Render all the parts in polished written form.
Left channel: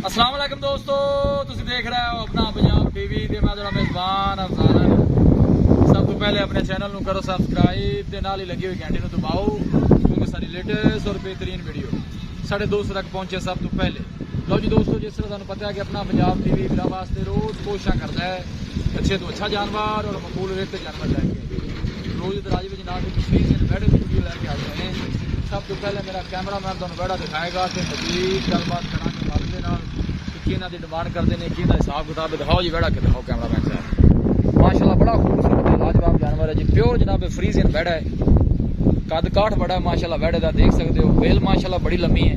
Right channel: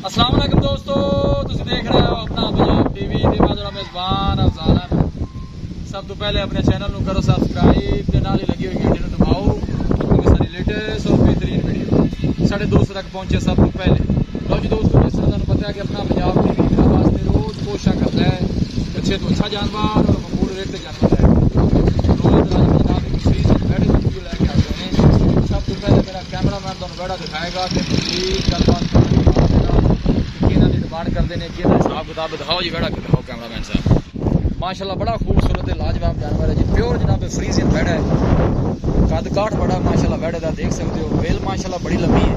अस्सलाम वालेकुम दोस्तों, तुसीं देख रहे हो अपना पंजाब टीवी ते मैं तेरा मेज़बान अफजाल अहमद। सब तो पहले अपने चैनल को करो सब्सक्राइब ते नाल ही लगी हुई घंटी को दबाओ क्योंकि सारी लेटेस्ट और बेहतरीन वीडियो साढ़े दोस्तों तक पहुंचे सब तो पहले। लो जी दोस्तों, जिस तरह तुहानू पता है कि अपना पंजाब टीवी मेरा वास्ते रोज कोशिश करता है अच्छे तो अच्छा जानवर और मकबूल रेट से जानवर लैके रोज राज में जनाब एक फ्री से बैठे वीडियो लैके आते हैं। सब तो पहले मेरा कैमरा मैन तुहानू बैठा दिखाएगा कि मजीद गलबात करांगे की डिमांड करते हैं कि हिसाब किताब दिखाओ जी। बैठा के दिखाओ कैमरा मैन साहब। माशाल्लाह बड़ा खूबसूरत है, लाजवाब जानवर है जी। प्योर जनाब फ्रीजियन बैठा है, कद काठ बड़ा है माशाल्लाह बैठे का, देख सकते हो। बेल माशाल्लाह बड़ी लंबी है।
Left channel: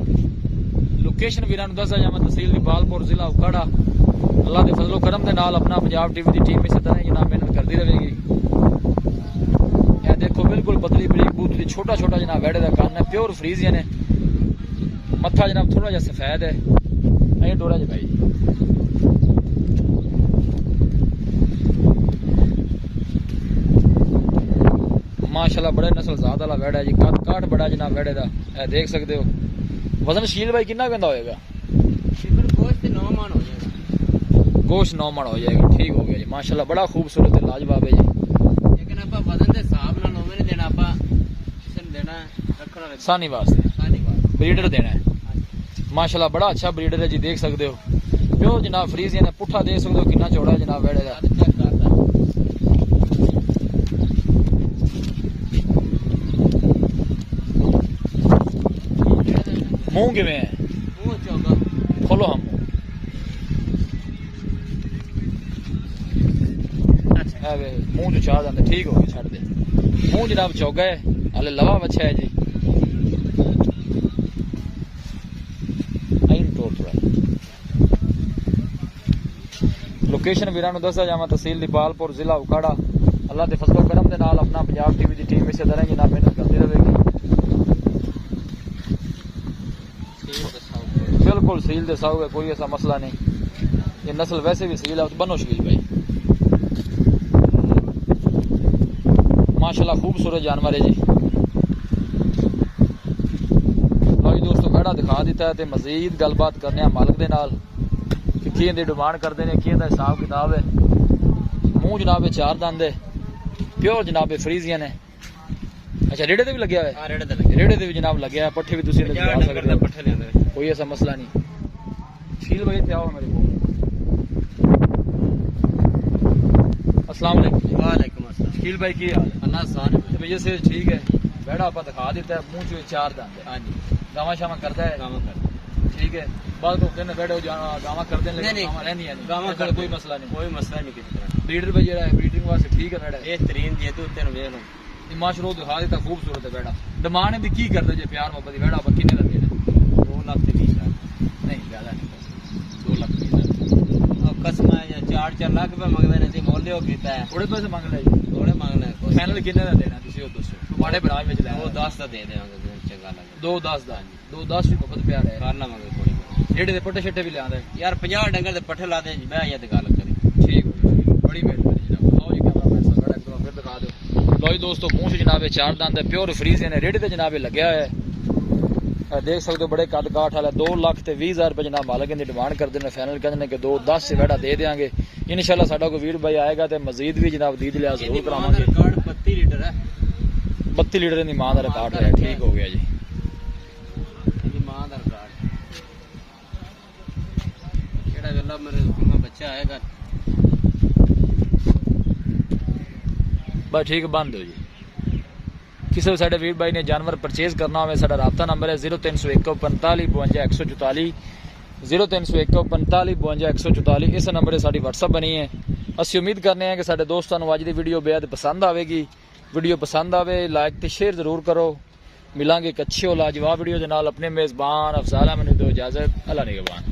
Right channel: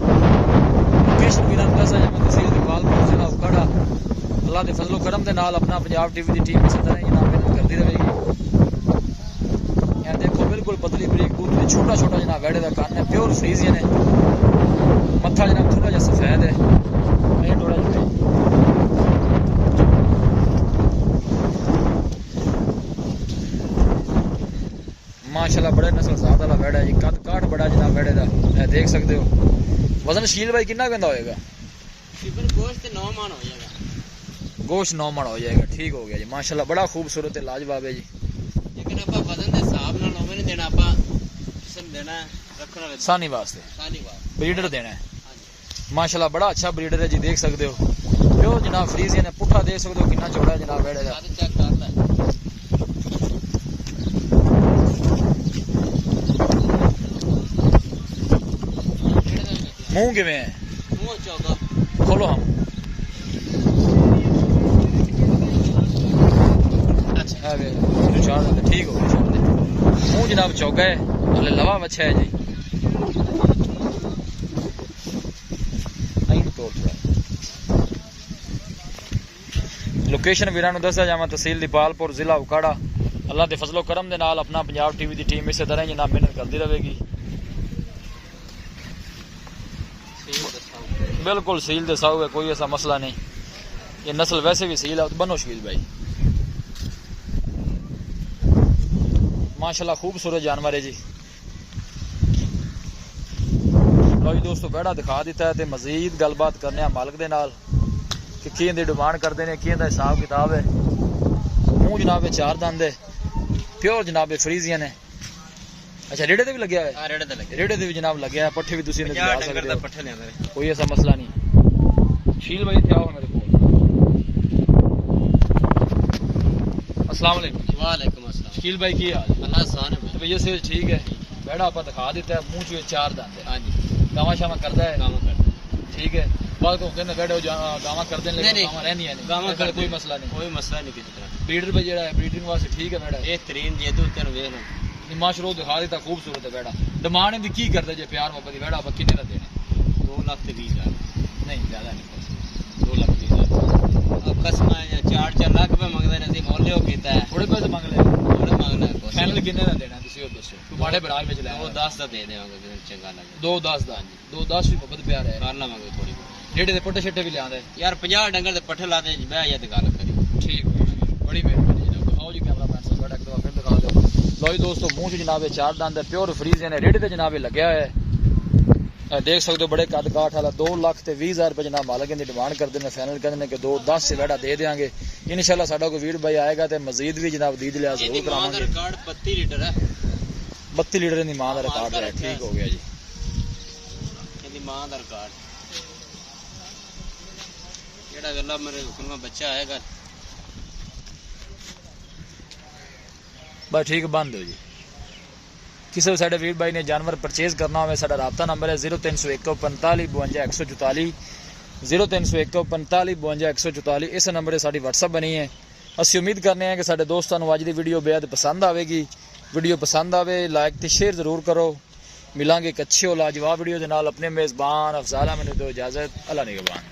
लोकेशन भी दसा जाए तहसील इकबालपुर जिला उकाड़ा। अल्लाह के फजलो करम के नाल अपना पंजाब टीवी की टीम इस तरह जनाब मेहनत करती रहेगी। यह देखो बिल्कुल पतली बरीक बूथली छोटा छोटा जनाब बैठे का कान है, प्योर फ्रीजियन है। मत्था जनाब थोड़ा जहा सफेद है, डोरा जी भाई। माशाल्लाह बड़े नस्ल जात वाला बैठा है जी, कद काठ बड़ा जनाब बैठे का, देख सकते हो। वजन शील भाई कितना कहता होएगा? गोश्त 9 मन हो जाएगा। गोश्त 9 मन हो जाएगा, ठीक हो गया जी। माशाल्लाह बड़ा खूबसूरत है, लाजवाब है जी। लेकिन आप वजन के हिसाब नाल होवे नहीं देना, आप देना रखना सानी वास्ते ब्रीडर देना है। माशाल्लाह बड़ा अच्छा ब्रीडर है जी, देख सकते हो। प्योर जनाब फ्रीजियन है, पुट्ठा देख सकते हो कितना चौड़ा है जनाब बैठे का। मुंह किवें है? मुंह चौगा खोलो हम। अच्छा मुंह जो चार जाते, ठीक हो गया, छोड़ दे। मुंह जनाब चौगा है, हाले लवा बच्चा है जी। लोकेशन वीरां नूं दस्या जावां तहसील इकबालपुर जिला उकाड़ा। अल्लाह के फजलो करम दे नाल अपना पंजाब टीवी की टीम इस तरह जनाब मेहनत करती रहेगी। बिल्कुल सील दे साऊ है, कोई ऐसा मसला नहीं। ये नस्ल वैसे भी सील है, तो बनो शील भाई। माशाल्लाह खूबसूरत जानवर है जी। लो जी दोस्तों, बैठा दिखा दिता है, तो मजीद गलबात करने मालिक दे नाल कि किं दी डिमांड करते हैं, किं दा हिसाब किताब है। मुंह जनाब चार दंद है, प्योर जनाब फ्रीजियन है। अच्छा रेड़े ते भी लगे हुआ है? रेड़े ते भी जनाब लगे है, पट्ठे भी तुसीं लगा सकते हो, कोई ऐसा मसला नहीं। शील भाई थे आओ मेरे को। अस्सलाम वालेकुम। शील भाई की हाल? अल्लाह भैया से ठीक है। बैठा आप दिखा देता है, मुंह चो चार दंद है। हाँ जी, गावा शावा करता है? ठीक है। बात तो होते बैठे गावा करते हैं, लेकिन गावा रहनी है नहीं, कोई मसला नहीं किसी तरह। ब्रीडर भाई जेड़ा है ब्रीडिंग वास्ते ठीक है बैठा है। बेहतरीन जी दूध तेन वेख लो, माशरो दिखा देता, खूबसूरत है बैठा। डिमांड दी की करते जे प्यार मोहब्बत बैठा आप किन्ने दा देना? 2,20,000 नहीं ज्यादा नहीं, 2,20,000 अब कसम है या 4-4 लाख रुपए मंगदे ने, सी मोल लियो कीता है। थोड़े पैसे मांग ले, थोड़े मांग ले। फाइनल किन्ने दा देना तुसी ओ दसो। माड़े बराज विच ले 2-10 दा दे देवांगे, जे चंगा लगे। 2-10 दा जी, 2-10 भी मोहब्बत प्यार है। कर लवांगे थोड़ी जेड़े दे पट्टे छट्टे भी लियांदा है यार। 50 डंगर दे पट्ठे ला दे मैं या ते गल करी। ठीक हो गया, बड़ी मेहरबानी जनाब। आओ जी कैमरा मैन साहब बैठा, एक दफा फिर दिखा दो। लो जी दोस्तों, मुंह से जनाब चार दंद है, प्योर फ्रीजियन है। रेडे ते जनाब लग्या है, देख सकते हो। बड़े कद काठ वाला 2,20,000 रुपये जनाब मालिक की डिमांड करते हैं। फाइनल कहते हैं कि 2-10 से बैठा दे देंगे इंशाल्लाह। साडा कोई वीर भाई आएगा तो मजीद भी जनाब दी लिया जरूर करावांगे। रिकॉर्ड 32 लीटर है, 32 लीटर की मां का रिकॉर्ड है। ठीक हो गया जी, इनकी मां का रिकॉर्ड जेड़ा गल्ला मेरे सुनो बच्चा आएगा बस ठीक बंद हो जी। किसी भी साढ़े वीर भाई ने जानवर परचेज करना हो, साढ़ा राबता नंबर है 0301 45 52 144 0301 45 52 144। इस नंबर से साड़ी व्हाट्सअप बनी है। असं उम्मीद करने हैं कि साढ़े दोस्तों को अज की वीडियो बेहद पसंद आएगी। वीडियो पसंद आए लाइक तो शेयर जरूर करो। मिलांगे एक अच्छी और लाजवाब वीडियो के नाल। अपने मेज़बान अफजाल अहमद दो इजाजत। अल्लाह निगहबान।